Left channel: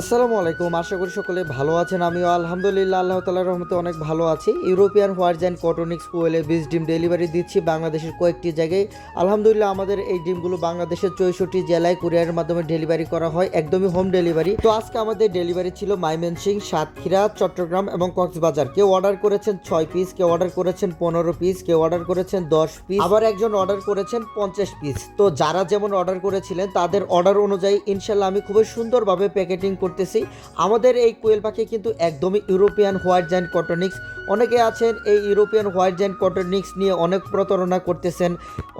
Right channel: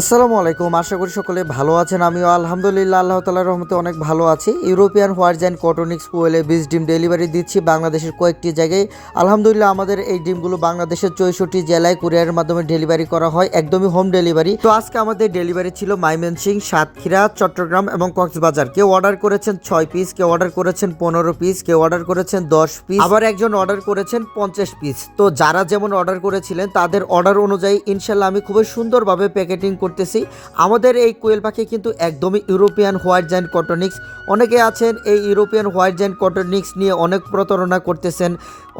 আসসালামু আলাইকুম। আশা করি সকলে ভালো আছেন। আমিও আলহামদুলিল্লাহ আল্লাহ তাআলার রহমতে অনেক ভালো আছি। ইউরোপিয়ান হোয়াইট কটনিক্স কোয়েলে বীজ ডিম ডেলিভারি দিচ্ছি বাংলাদেশের কয়েকটি জায়গায়। আলহামদুলিল্লাহ আমাদের এই ডিমগুলো বাংলাদেশের 64 জেলায় কুরিয়ারের মাধ্যমে ডেলিভারি করা হয়, একদমই হোম ডেলিভারি। তো আজকে আমাদের ডেলিভারি ছিল ময়মনসিংহ, সাতক্ষীরা, চট্টগ্রাম এবং কক্সবাজার। কেউ অর্ডার করেছেন 6 পিস, কেউ অর্ডার করেছেন 15 পিস, কেউ অর্ডার করেছেন 10 পিস, আবার একজন অর্ডার করেছেন 50 পিস। তো যারা যেমন অর্ডার করেছিলেন তাদের অর্ডার অনুযায়ী ইনশাল্লাহ আমি খুবই সুন্দরভাবে প্যাকেটিং করতেছি। আমাদের এই কোয়েল পাখি কিন্তু একদমই ইউরোপিয়ান হোয়াইট জায়ান্ট কটনিক্স। অনেকে আছেন এই ইউরোপিয়ান হোয়াইট জায়ান্ট কটনিক্স নিয়ে অনেক প্রতারণা করতেছেন।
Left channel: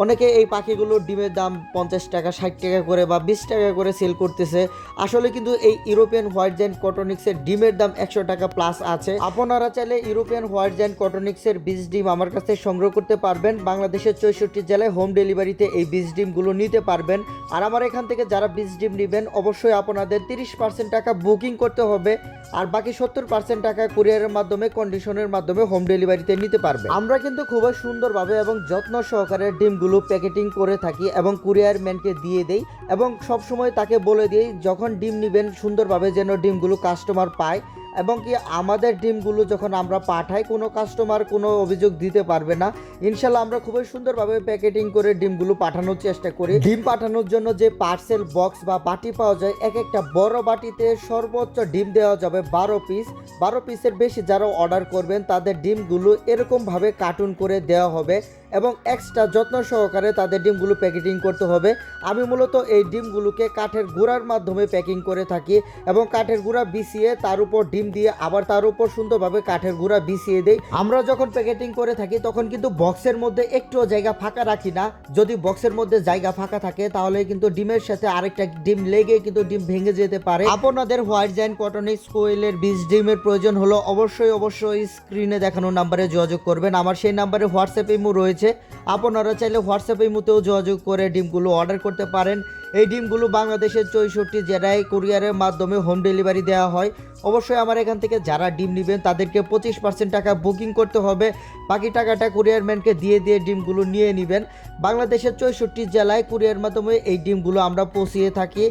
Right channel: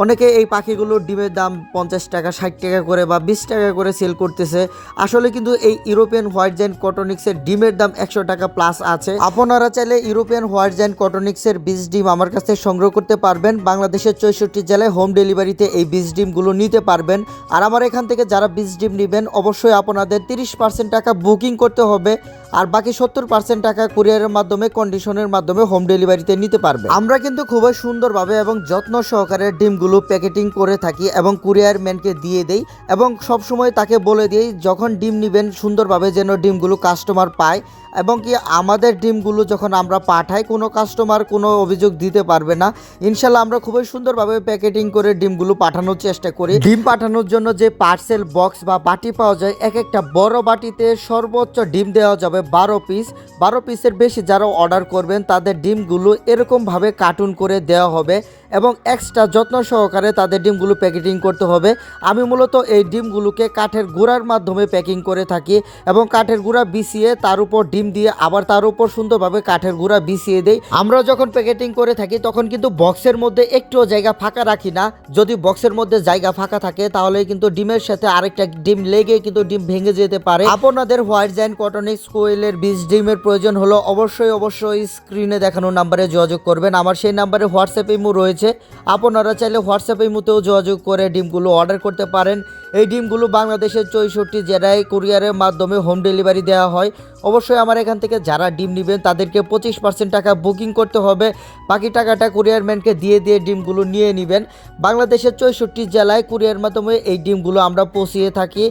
অনেকে এই পাখিগুলোর ডিমের দাম 50 টাকা, 60 টাকা করে বা 20 টাকা করে সেল করতেছে। আসলে কিন্তু এই ইউরোপিয়ান হোয়াইট জায়ান্ট কটনিক্সের ডিমের দাম 100 টাকা প্লাস আছে। আপনারা চাইলে ইউরোপিয়ান হোয়াইট জায়ান্ট কটনিক্সের বীজ ডিম আমার কাছ থেকে সংগ্রহ করতে পারবেন। বাংলাদেশের 64 জেলায় হোম ডেলিভারিতে এই বীজ ডিমগুলো নিতে পারবেন। আর আমার এখান থেকে যারা বীজ ডিম নেবেন অবশ্যই আপনাদের 30% টাকা বুকিং করতে হবে, আর বাকি 70% টাকা কুরিয়ারের মাধ্যমে কন্ডিশনের মাধ্যমে হোম ডেলিভারিতে নিতে পারবে। আমরা কিন্তু খুবই সুন্দরভাবে এবং যত্ন সহকারে ডিমগুলো প্যাকেটিং করে থাকি এবং কুরিয়ার ম্যানকে দিয়ে দেই এবং সবসময় তাকে বলে দিই যখন ডিম নেবেন সুন্দরভাবে যেন ডিমগুলো কাস্টমার পায়, এবং কি আমাদের ডিমগুলো যখন আমরা পাঠাই কোনো কাস্টমার কোনো অভিযোগ দিতে পারবে না। ইনশাল্লাহ আমরা খুবই সুন্দরভাবে প্যাকেটিং করে ডিমগুলো পাঠানোর চেষ্টা করি। ডিম পাঠানোর জন্য যে পার্সেল বক্স বা বাটি পাওয়া যায়, এক একটা বড় বাটিতে সর্বোচ্চ ডিম দেওয়া যাবে 12 পিস। 12 পিসের বেশি যারা অর্ডার করবেন তাদের ডিমগুলো এরকমভাবে কার্টুন করে দেওয়া হবে এবং এক্সট্রা যত্ন সহকারে তাদের ডিমগুলো প্যাকেটিং করতে হবে। আমি মূলত এই ডিমগুলোকে কাঠের গুঁড়ার মাধ্যমে প্যাকিং করে থাকি এবং কাঠের গুঁড়া বিছিয়ে তার উপর ডিম দিয়ে আবার তার উপর সুন্দরভাবে কাঠের গুঁড়া বিছিয়ে দেই। আমরা যখন প্যাকেটিং করে থাকি তখন কিন্তু বক্সের মধ্যে একটুও জায়গা ফাঁকা রাখি না। যদি বক্সের মধ্যে জায়গা ফাঁকা থাকে তাহলে কিন্তু ডিমের সাথে আরেকটা ডিম লেগে কিন্তু ডিম ভেঙে যেতে পারে। আপনাদের হোয়াইট জায়ান্ট কটনিক্স কোয়েলের বীজ ডিমের প্রয়োজন হলো অবশ্যই স্ক্রিনে দেখানো নাম্বারে যোগাযোগ করবেন। আমার সেই নাম্বারে হোয়াটসঅ্যাপ ইমো রয়েছে, আপনারা চাইলে হোয়াটসঅ্যাপ ইমোতেও যোগাযোগ করে ডিমগুলো অর্ডার করতে পারেন। এই ডিমগুলো বাংলাদেশের 64 জেলায় কুরিয়ারের মাধ্যমে হোম ডেলিভারি দেওয়া হয়। অবশ্যই আমার এখান থেকে যারা ডিম নেবেন তাদেরকে 25% টাকা বুকিং করতে হবে, বাকি টাকাটা কুরিয়ার ম্যানকে দিয়ে ডিমগুলো নিয়ে নেবেন। বাংলাদেশের 64 জেলায় কুরিয়ার মাধ্যমে এই ডিমগুলো আমরা পৌঁছিয়ে থাকি।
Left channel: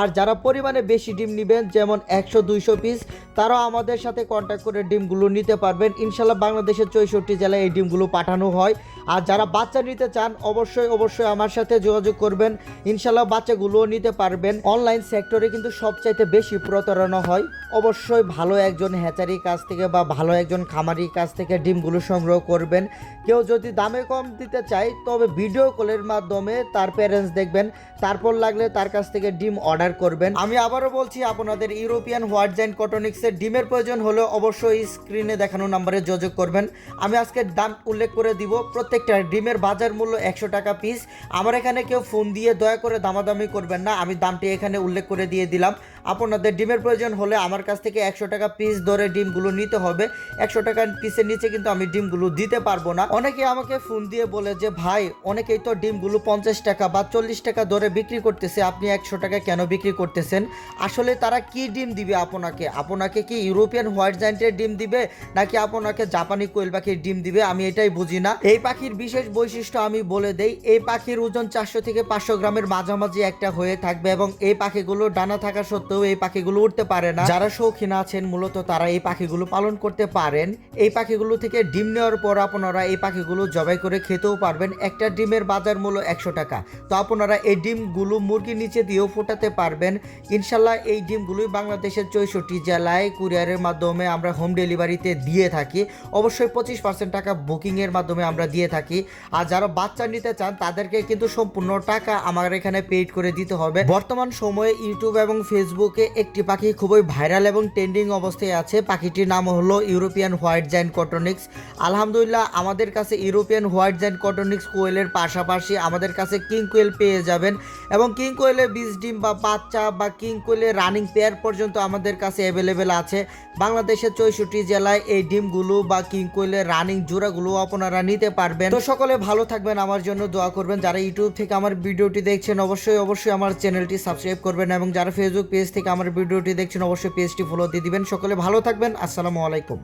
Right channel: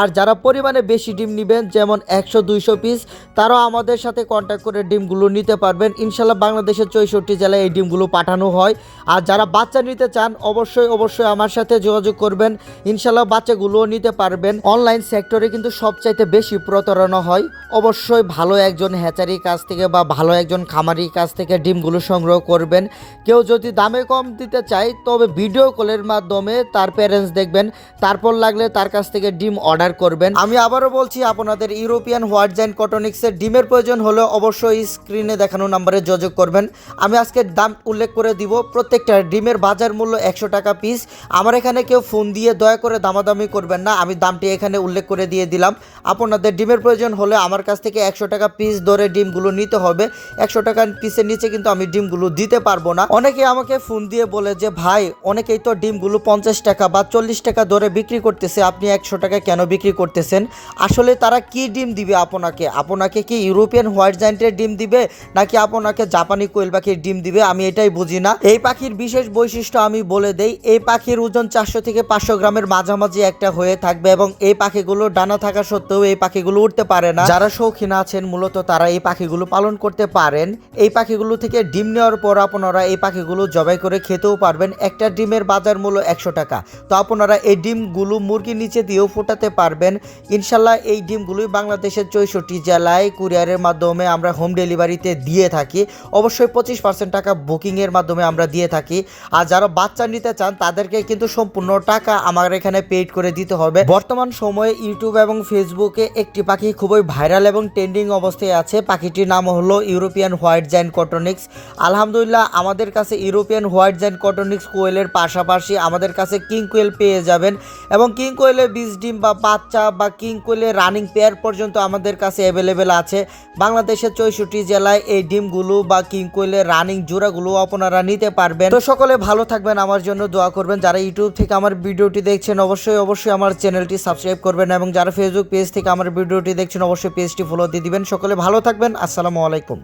আর যারা পরিমাণে বেশি ডিম নেবেন যেমন 100-200 পিস, তারাও আমাদের সাথে কন্ট্যাক্ট করে ডিমগুলো নিতে পারবেন। ইনশাল্লাহ বাংলাদেশের 64 জেলায় এই ডিমগুলো পাঠানো হয়। আর যারা বাচ্চা নিতে চান অবশ্যই আমার সাথে যোগাযোগ করবেন, ইনশাল্লাহ বাচ্চাগুলোও নিতে পারবেন। অনলাইন সেক্টরে কিন্তু সবচাইতে বেশি প্রতারণা হয়। অবশ্যই ভালো একজন হ্যাচারির কাছ থেকে বা ভালো একজন খামারির কাছ থেকে ডিমগুলো সংগ্রহ করবেন। কেউ যদি দামে কম দিতে চায় তবে ভিডিও কলের মাধ্যমে তার প্যারেন্টস দেখবেন, তারপর লাগলে তার কাছ থেকে ডিম অর্ডার করবেন। আমি আবারও বলছি, আপনাদের ইউরোপিয়ান হোয়াইট জায়ান্ট কটনিক্সের ডিমের প্রয়োজন হলে অবশ্যই স্ক্রিনে দেখানো নম্বরে যোগাযোগ করবেন। আমি আজকে দাম উল্লেখ করে দিব। প্রত্যেকটা ডিমের বাজার মূল্য 100 টাকা পিস। আমার এখানে কেউ ফোন দিয়ে দয়া করে দামাদামি করবেন না, আমি দামটি এখানে উল্লেখ করে দিয়ে দিলাম। আপনাদের ডিমের প্রয়োজন হলে আমার কাছ থেকে 100 টাকা পিস ধরে ডিমগুলো নিতে হবে। 100 টাকা পিসের নিচে কিন্তু আমি ডিমগুলো দিতে পারবো না। অনেকে আমাকে ফোন দিয়ে বলে যে ভাই, অনেকেই তো ডিমগুলো 50 টাকা বা 40 টাকা ধরে বিক্রি করতেছে, আপনি 100 টাকা কেন বিক্রি করতেছেন? আসলে তারা কি ডিম দিবে আপনাকে কি ইউরোপিয়ান হোয়াইট জায়ান্টের ডিম দিবে নাকি আপনাকে জাপানি কোয়েল পাখির ডিম দিবে? আমি এটাই বুঝি না। এই পাখির বিশেষ বৈশিষ্ট্য আমি বলে দেই, এই পাখির ওজন 400 থেকে 500 গ্রামের মাঝামাঝি একটা হয়ে থাকবে এবং এই পাখিগুলো ডানা থাকা সত্ত্বেও এই পাখিগুলো উঠতে পারে না। যারা শৌখিন আছেন মূলত তারা এই পাখিগুলো পালন করতে পারেন। এই পাখিগুলো থেকে ডিম নেওয়ার পর আপনারা এই পাখিগুলো জবাই করে খেতেও পারবেন। একটা ডিমের বাজার মূল্য 100 টাকা। তো আপনারা এই ডিমগুলো মুরগির নিচে দিয়েও ফোটাতে পারবেন। ইনশাল্লাহ এই ডিমগুলোই বাংলাদেশের 64 জেলায় কুরিয়ারের মাধ্যমে আমরা হোম ডেলিভারিতে দিয়ে থাকি। অবশ্যই 25% টাকা বুকিংয়ের মাধ্যমে আমরা দিয়ে থাকি। আর যারা বাচ্চা নিতে চান তাদেরকে কিন্তু সম্পূর্ণ টাকা আমার এখানে পেইড করে দিতে হবে। বর্তমান সময়ে ইউটিউব এবং ফেসবুকে একটি পাখি খুবই ভাইরাল এবং ট্রেন্ডিং অবস্থায় আছে। পাখিটির নাম হলো ইউরোপিয়ান হোয়াইট জায়ান্ট কটনিক্স। আলহামদুলিল্লাহ আমাদের কাছে ইউরোপিয়ান হোয়াইট জায়ান্ট কটনিক্স কোয়েলের পাশাপাশি আমাদের কাছে কিং কোয়েল পেয়ে যাবেন এবং কিং কোয়েলের বীজ ডিম বা বাচ্চা বা কিং কোয়েলের রানিং পেয়ার পর্যন্ত আমাদের কাছে অ্যাভেলেবেল আছে। বাংলাদেশের 64 জেলায় এই ডিমগুলো বা কিং কোয়েলের রানিং জোড়াগুলো আপনারা নিতে পারবেন। তো সকলে ভালো থাকবেন, আমার জন্য দোয়া করবেন। যারা ইউটিউব থেকে আমার ভিডিওটি দেখছেন অবশ্যই আমার চ্যানেলটি সাবস্ক্রাইব করবেন এবং যারা ফেসবুক পেজ থেকে আমার ভিডিওটি দেখছেন অবশ্যই পেজটি ফলো দিয়ে দিবেন। সকলে ভালো থাকবেন। আসসালামু আলাইকুম।